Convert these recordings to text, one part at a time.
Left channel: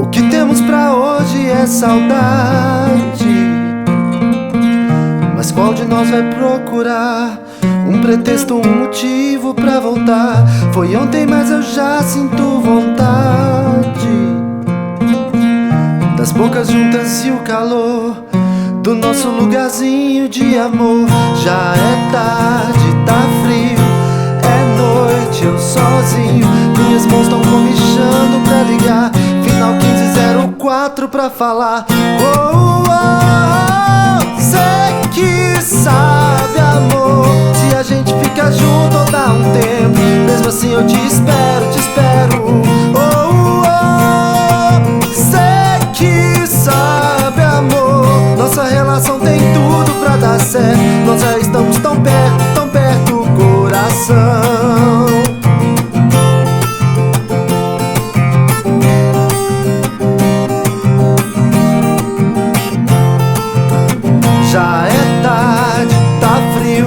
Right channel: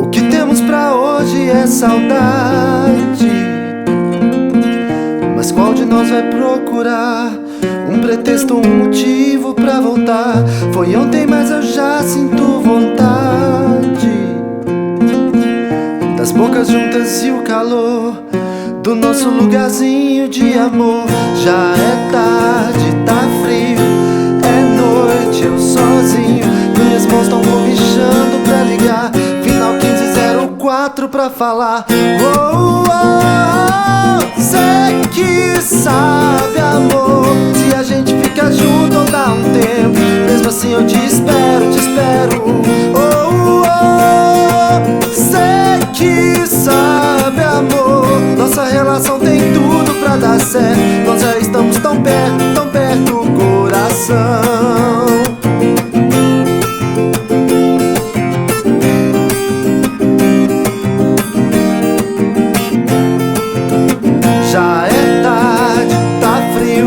O que temos pra hoje é saudade, mas qual de nós vai procurar um pretexto, um motivo pra voltar? Foi ontem, mas eu já sinto vontade das bocas juntas e o calor do nosso lugarzinho de amor. Já é tarde, tá frio, é noite, eu sozinho. Minhas mãos tão comichando pra ligar. Final 1504 pra falar. Oh, oh, cê que sabe, amor, se a gente fica junto ou dá um tempo. Mesmo assim eu te espero, te espero. Oh, oh, cê que sabe, amor, nossa relação tem tudo pra dar certo. Nós já estamos tão perto, coração. Já é tarde, tá frio,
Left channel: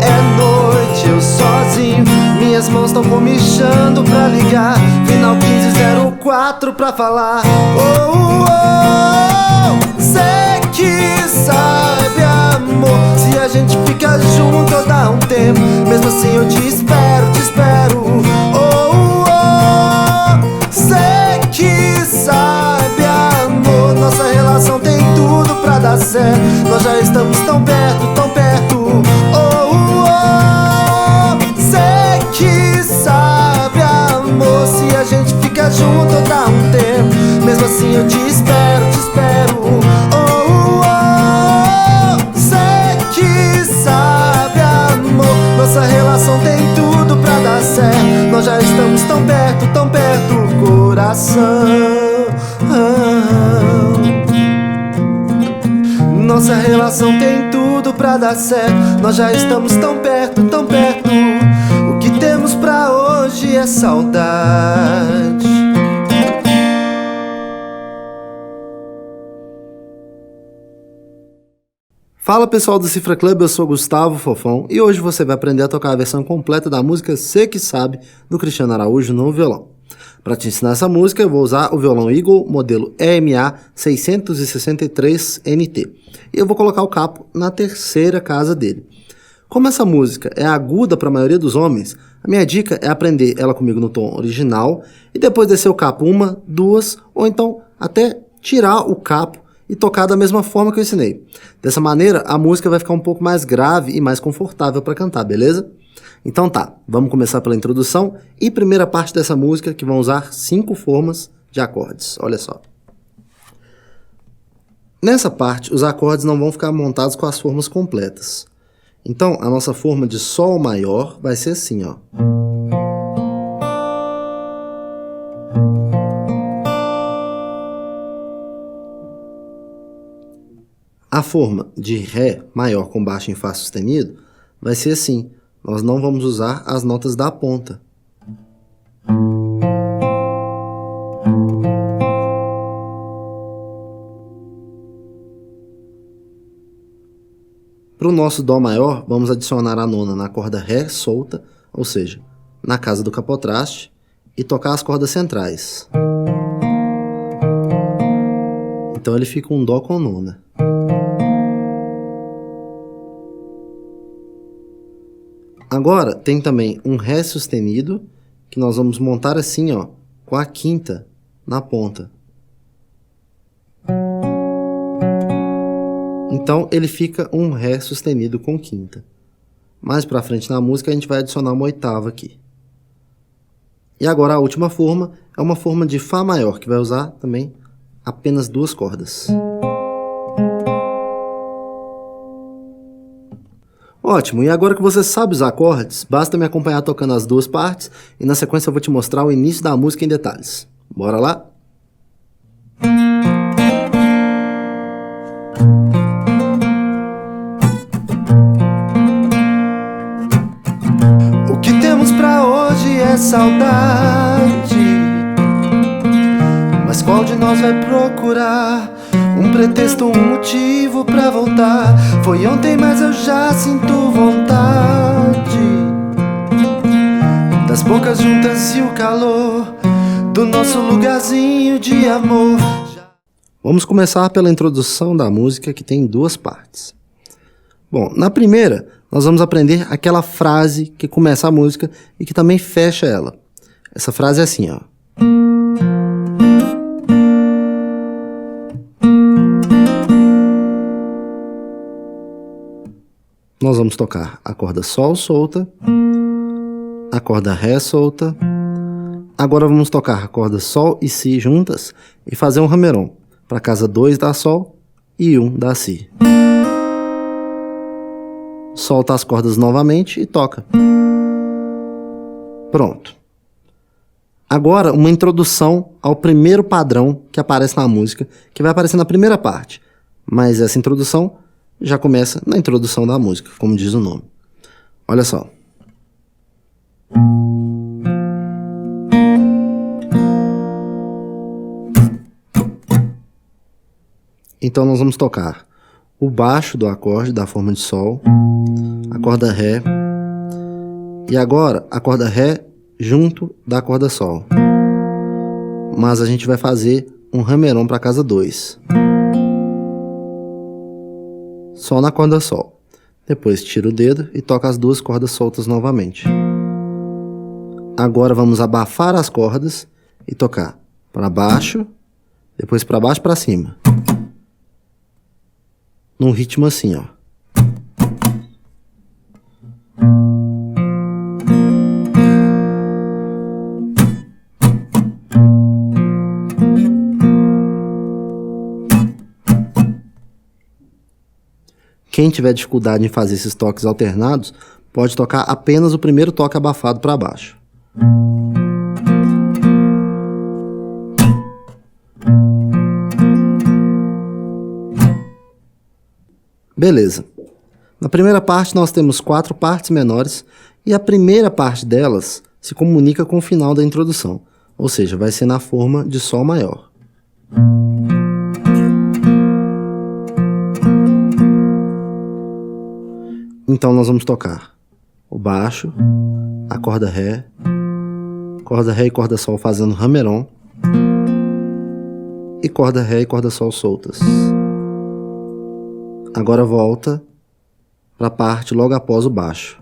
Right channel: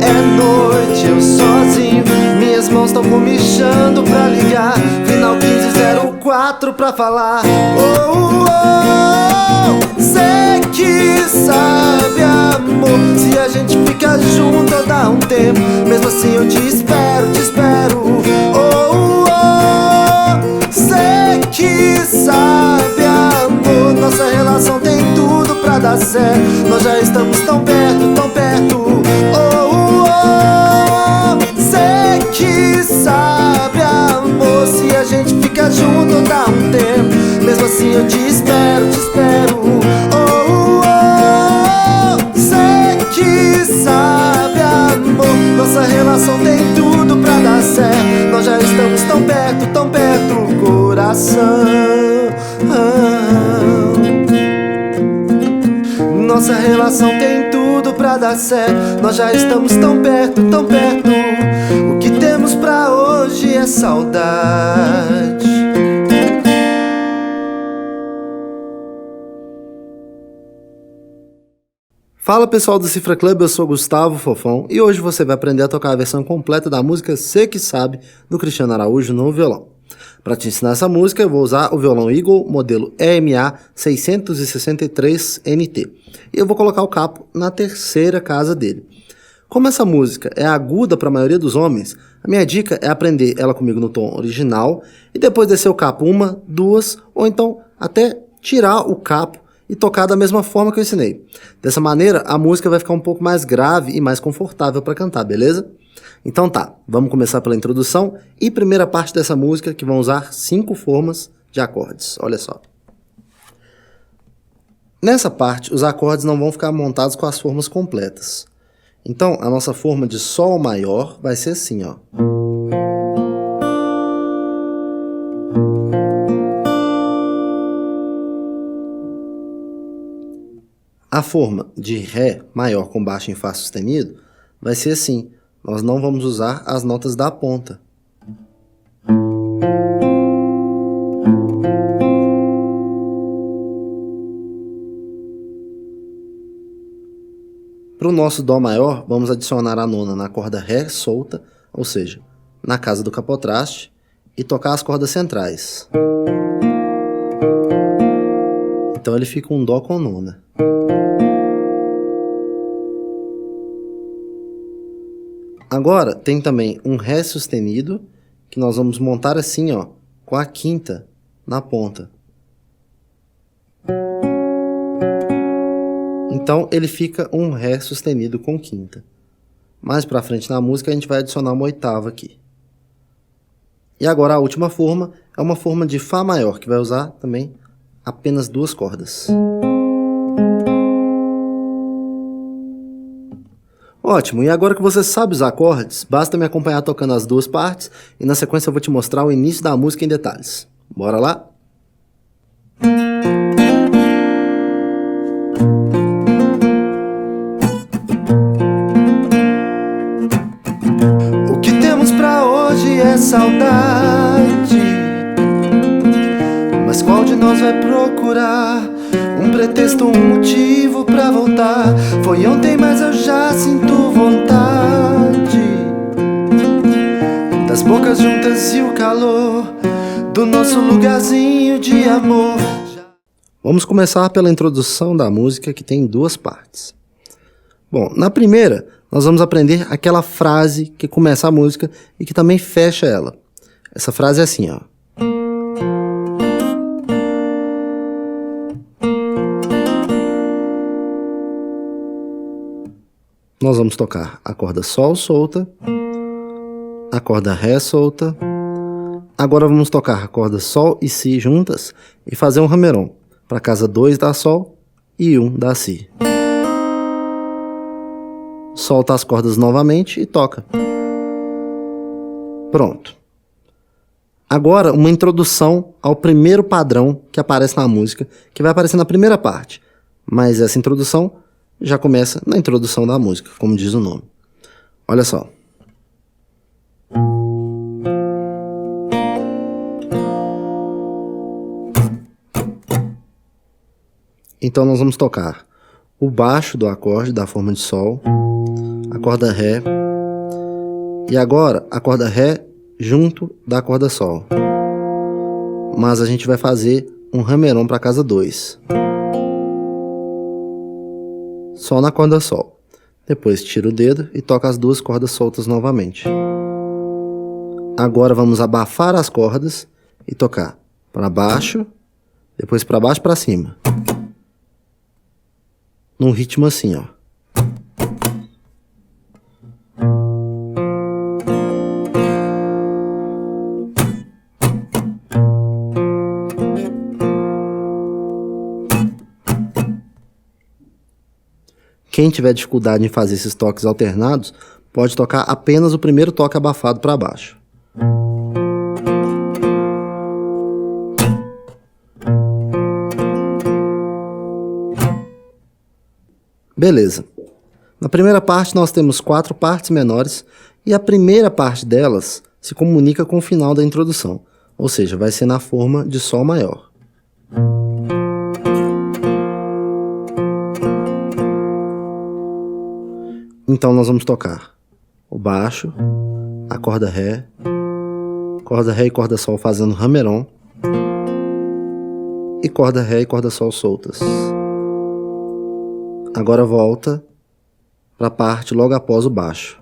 é noite, eu sozinho. Minhas mãos tão comichando pra ligar. Final 1504 pra falar. Oh, oh, cê que sabe, amor, se a gente fica junto ou dá um tempo. Mesmo assim eu te espero, te espero. Oh, oh, cê que sabe, amor, nossa relação tem tudo pra dar certo. Nós já estamos tão perto. Oh, oh, cê que sabe, amor, se a gente fica junto ou dá um tempo. Mesmo assim eu te espero, te espero. Oh, oh, cê que sabe, amor, nossa relação tem tudo pra dar certo. Nós já estamos tão perto, coração. Nossa relação tem tudo pra dar certo. Nós já estamos tão perto. O que temos pra hoje é saudade. Fala pessoal do Cifra Club, eu sou Gustavo Fofão e hoje você vai aprender a tocar a versão completa da música Cê Que Sabe, do Cristiano Araújo no violão. Para te ensinar essa música, eu vou usar o violão Eagle modelo EMA 663 NT. E eu vou colocar o capo na terceira casa dele. Como essa música é aguda para a maioria dos homens, a minha dica é aprender ela comigo no tom original e depois descer o capo uma, duas, ou então até tirar o capo e tocar da mesma forma que eu ensinei. Dessa maneira, a música vai ficar um pouco mais grave e mais confortável para cantar, beleza? Então tá, vamos começar pela introdução e primeira parte dessa música, que vão usar 5 formas de acordes. Olha só. Nessa parte, os acordes não vão ficar montados com as formas completas. Então, a nossa forma de Sol maior vai ser assim, ó. A forma de Ré maior com baixo em Fá sustenido vai ser assim. Nós não vamos usar as notas da ponta. Para o nosso Dó maior, vamos adicionar a nona na corda Ré solta, ou seja, na casa do capotraste, e tocar as cordas centrais. Então ele fica um Dó com nona. Agora tem também um Ré sustenido, que nós vamos montar assim, ó, com a quinta na ponta. Então ele fica um Ré sustenido com quinta. Mais pra frente na música a gente vai adicionar uma oitava aqui. E agora a última forma é uma forma de Fá maior, que vai usar também apenas 2 cordas. Ótimo, e agora que você sabe os acordes, basta me acompanhar tocando as 2 partes e na sequência eu vou te mostrar o início da música em detalhes. Bora lá? O que temos pra hoje é saudade, mas qual de nós vai procurar um pretexto, um motivo pra voltar? Foi ontem, mas eu já sinto vontade das bocas juntas e o calor do nosso lugarzinho de amor. Vamos começar pela introdução da música, que tem duas partes. Bom, na primeira, nós vamos aprender aquela frase que começa a música e que também fecha ela. Essa frase é assim, ó. Nós vamos tocar a corda Sol solta, a corda Ré solta. Agora vamos tocar a corda Sol e Si juntas e fazer um hammer-on para casa 2 dá Sol e 1 dá Si. Solta as cordas novamente e toca. Pronto. Agora uma introdução ao primeiro padrão que aparece na música, que vai aparecer na primeira parte. Mas essa introdução já começa na introdução da música, como diz o nome. Olha só. Então nós vamos tocar o baixo do acorde da forma de Sol, a corda Ré, e agora a corda Ré junto da corda Sol. Mas a gente vai fazer um hammer-on para casa 2. Só na corda Sol. Depois tira o dedo e toca as duas cordas soltas novamente. Agora vamos abafar as cordas e tocar para baixo, depois para baixo para cima. Num ritmo assim, ó. Quem tiver dificuldade em fazer esses toques alternados, pode tocar apenas o primeiro toque abafado para baixo. Beleza. Na primeira parte nós temos 4 partes menores e a primeira parte delas se comunica com o final da introdução, ou seja, vai ser na forma de Sol maior. Então nós vamos tocar o baixo, a corda Ré e corda Sol fazendo hammer-on, e corda Ré e corda Sol soltas. Agora volta para a parte logo após o baixo.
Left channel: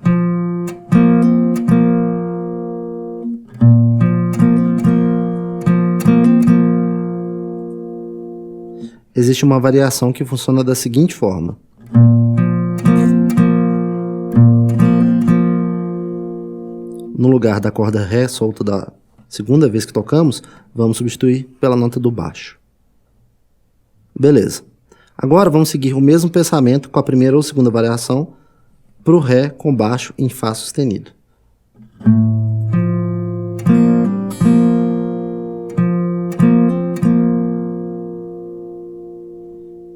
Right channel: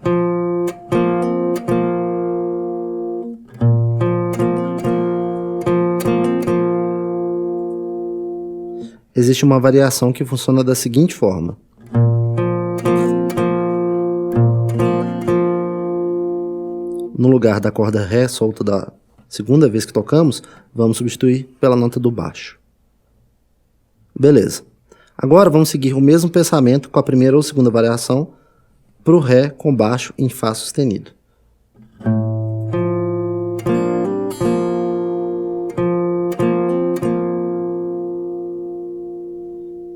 Existe uma variação que funciona da seguinte forma. No lugar da corda Ré solta da segunda vez que tocamos, vamos substituir pela nota do baixo. Beleza. Agora vamos seguir o mesmo pensamento com a primeira ou segunda variação para o Ré com baixo em Fá sustenido.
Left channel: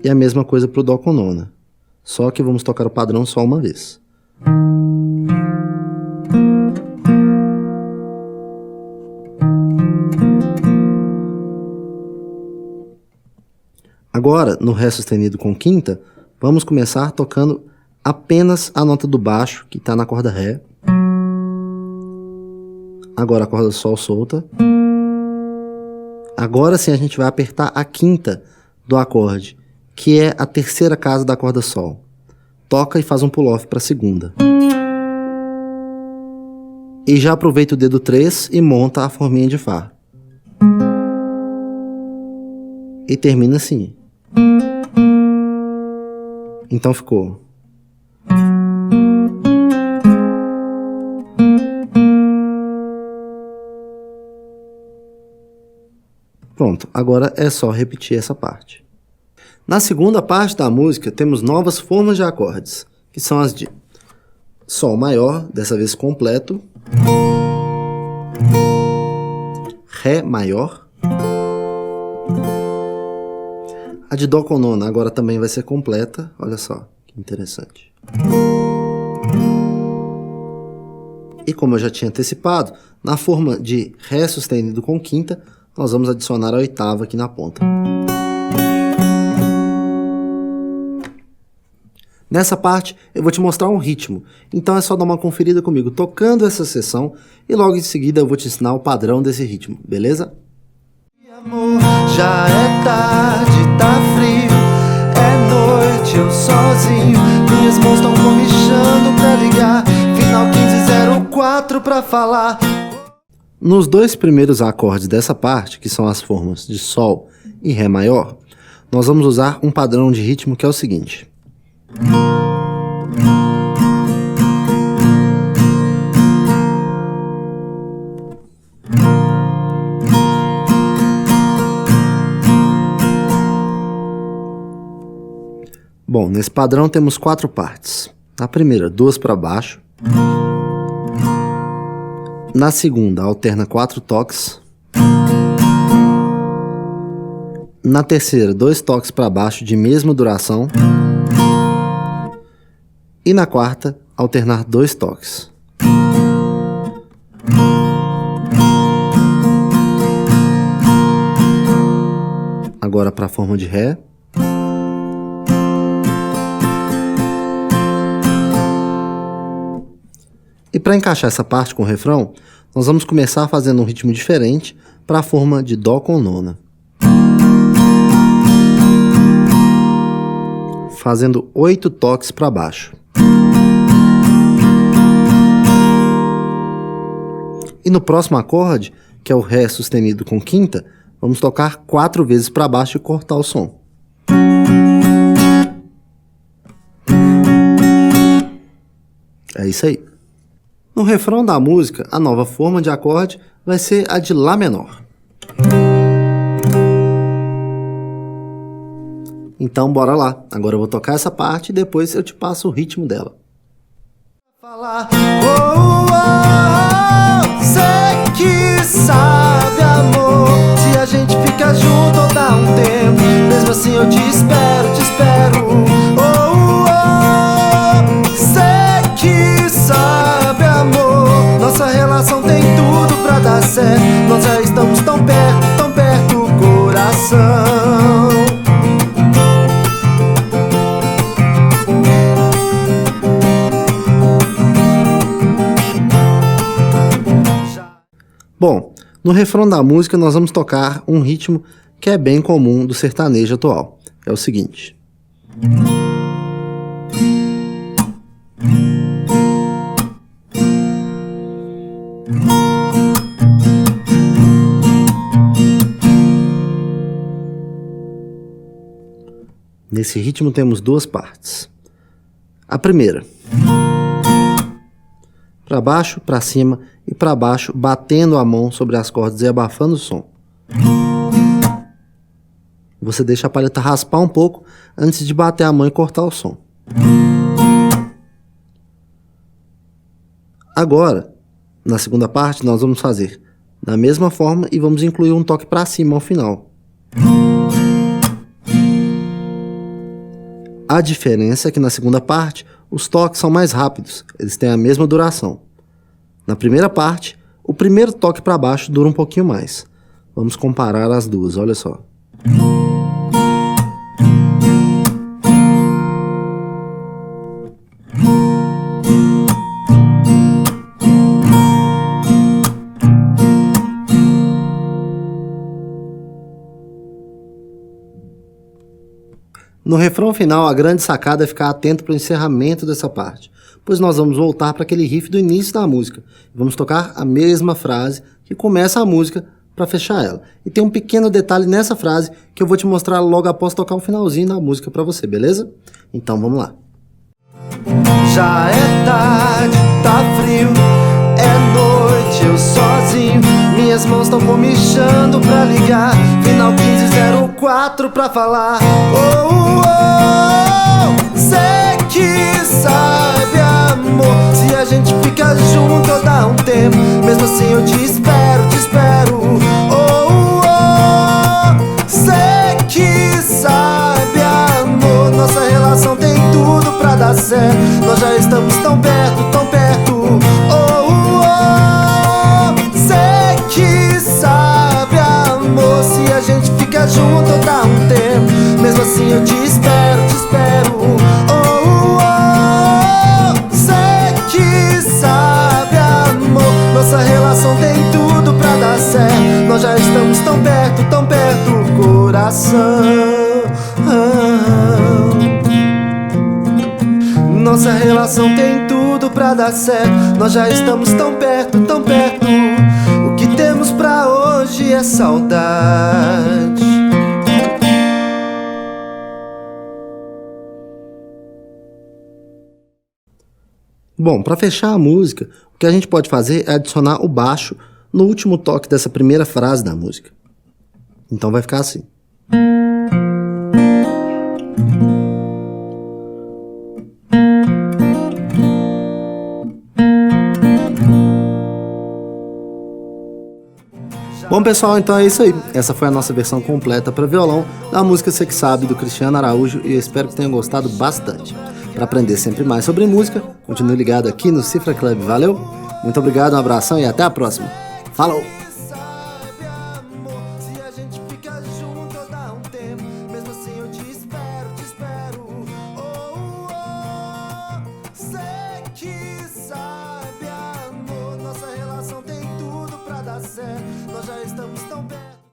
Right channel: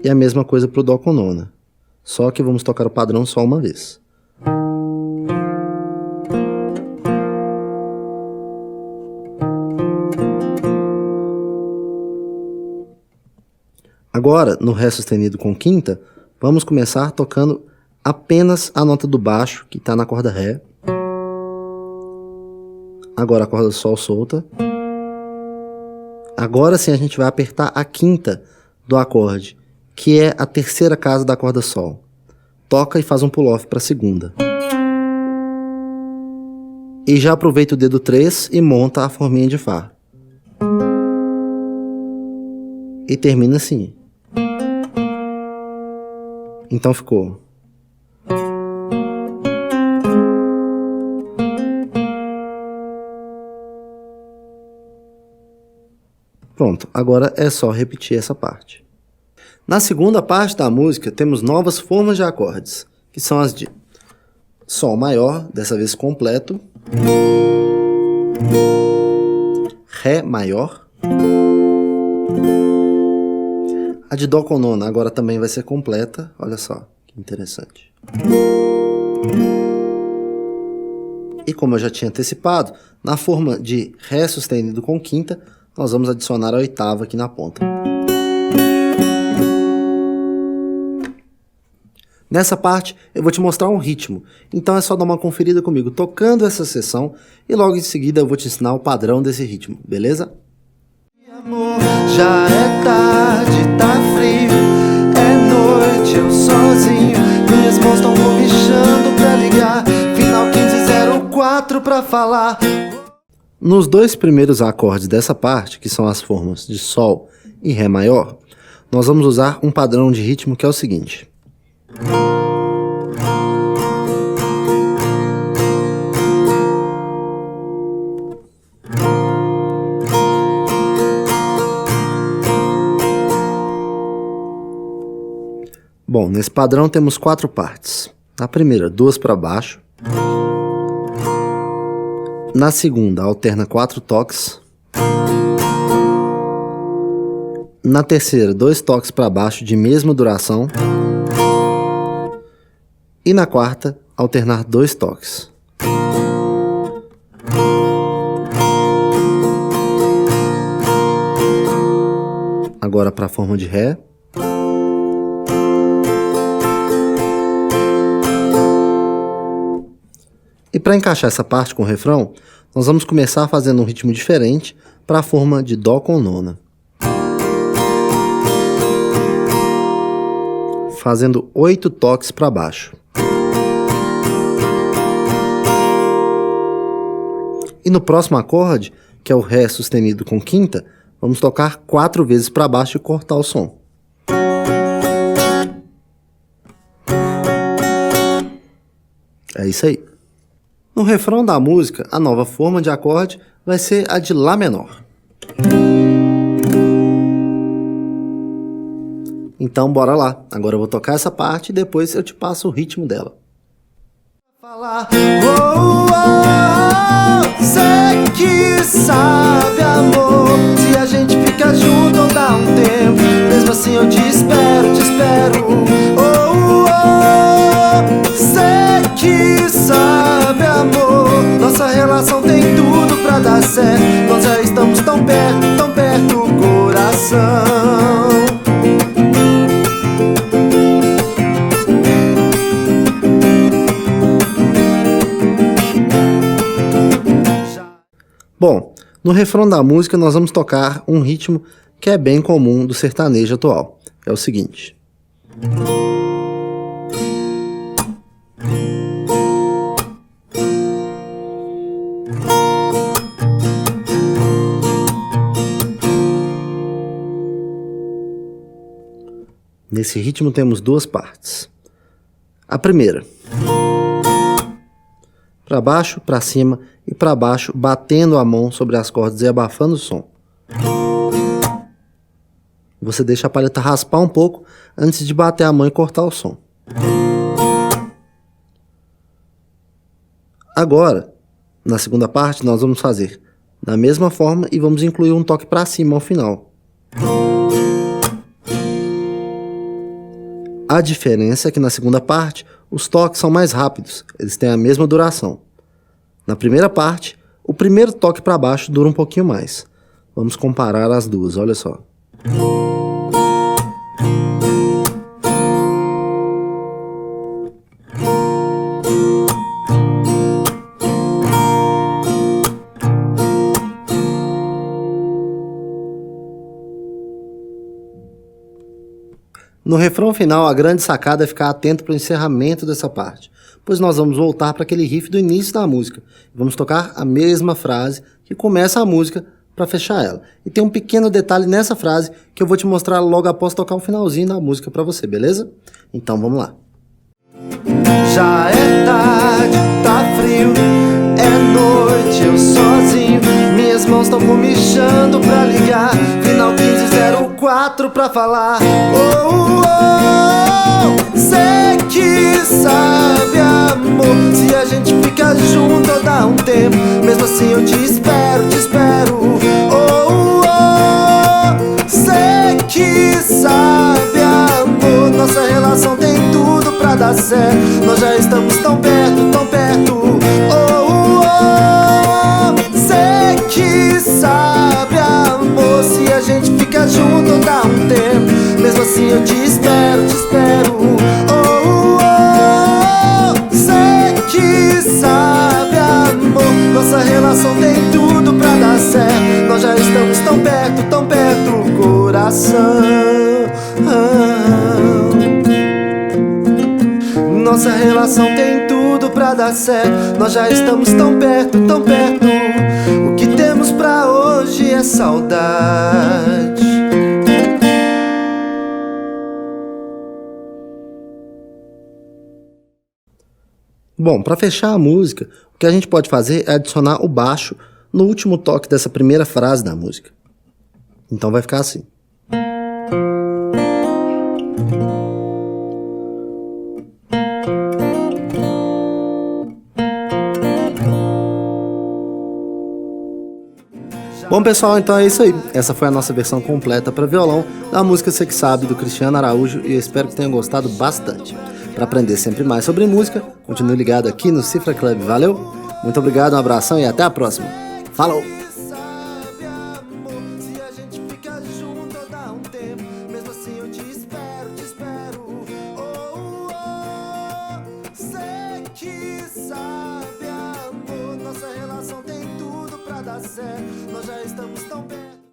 E a mesma coisa para o Dó com nona, só que vamos tocar o padrão só uma vez. Agora, no Ré sustenido com quinta, vamos começar tocando apenas a nota do baixo, que está na corda Ré. Agora a corda Sol solta. Agora sim a gente vai apertar a quinta do acorde, que é a terceira casa da corda Sol. Toca e faz um pull-off para a segunda. E já aproveita o dedo 3 e monta a forminha de Fá. E termina assim. Então ficou. Pronto, agora é só repetir essa parte. Na segunda parte da música temos novas formas de acordes, que são as de Sol maior, dessa vez completo, Ré maior, a de Dó com nona agora também vai ser completa, olha só, que interessante. E como eu já tinha antecipado, na forma de Ré sustenido com quinta, nós vamos adicionar a oitava aqui na ponta. Nessa parte eu vou te mostrar um ritmo, então é só dar uma conferida comigo tocando essa seção e logo em seguida eu vou te ensinar o padrão desse ritmo, beleza? Já é tarde, tá frio, é noite, eu sozinho. Minhas mãos tão comichando pra ligar, final 1504 pra falar. Nos dois primeiros acordes dessa parte, que são as formas de Sol e Ré maior, nós vamos usar um padrão de ritmo que é o seguinte. Bom, nesse padrão temos 4 partes. Na primeira, 2 para baixo. Na segunda, alterna 4 toques. Na terceira, 2 toques para baixo de mesma duração. E na quarta, alternar 2 toques. Agora para a forma de Ré. E para encaixar essa parte com o refrão, nós vamos começar fazendo um ritmo diferente para a forma de Dó com nona. Fazendo 8 toques para baixo. E no próximo acorde, que é o Ré sustenido com quinta, vamos tocar 4 vezes para baixo e cortar o som. É isso aí. No refrão da música, a nova forma de acorde vai ser a de Lá menor. Então bora lá, agora eu vou tocar essa parte e depois eu te passo o ritmo dela. Falar, cê que sabe, amor, se a gente fica junto ou dá um tempo, mesmo assim eu te espero, cê que sabe, amor, nossa relação tem tudo pra dar certo, nós já estamos tão perto, coração. Bom, no refrão da música nós vamos tocar um ritmo que é bem comum do sertanejo atual. É o seguinte. Nesse ritmo temos 2 partes. A primeira, para baixo, para cima e para baixo, batendo a mão sobre as cordas e abafando o som. Você deixa a palheta raspar um pouco antes de bater a mão e cortar o som. Agora, na segunda parte, nós vamos fazer da mesma forma e vamos incluir um toque para cima ao final. A diferença é que na segunda parte, os toques são mais rápidos, eles têm a mesma duração. Na primeira parte, o primeiro toque para baixo dura um pouquinho mais. Vamos comparar as duas, olha só. No refrão final, a grande sacada é ficar atento para o encerramento dessa parte, pois nós vamos voltar para aquele riff do início da música. Vamos tocar a mesma frase que começa a música para fechar ela. E tem um pequeno detalhe nessa frase que eu vou te mostrar logo após tocar o finalzinho da música para você, beleza? Então vamos lá. Já é tarde, tá frio, é noite, eu sozinho. Minhas mãos estão comichando pra ligar, final 1504 pra falar. Cê que sabe, amor, se a gente fica junto ou dá um tempo, mesmo assim eu te espero. Cê que sabe, amor, nossa relação tem tudo pra dar certo, nós já estamos tão perto. Cê que sabe, amor, se a gente fica junto ou dá um tempo, mesmo assim eu te espero. Cê que sabe, amor, Nossa relação tem tudo pra dar certo. Nós já estamos tão perto, coração. Nossa relação tem tudo pra dar certo. Nós já estamos tão perto, tão perto. O que temos pra hoje é saudade. Bom, pra fechar a música, o que a gente pode fazer é adicionar o baixo no último toque dessa primeira frase da música. Então vai ficar assim. Bom, pessoal, então é isso aí. Essa foi a nossa versão completa para violão da música Cê Que Sabe, do Cristiano Araújo, e eu espero que tenham gostado bastante. Para aprender sempre mais sobre música, continue ligado aqui no Cifra Club. Valeu? Muito obrigado, um abração e até a próxima. Falou! Nossa relação tem tudo pra dar certo. Nós já estamos tão perto.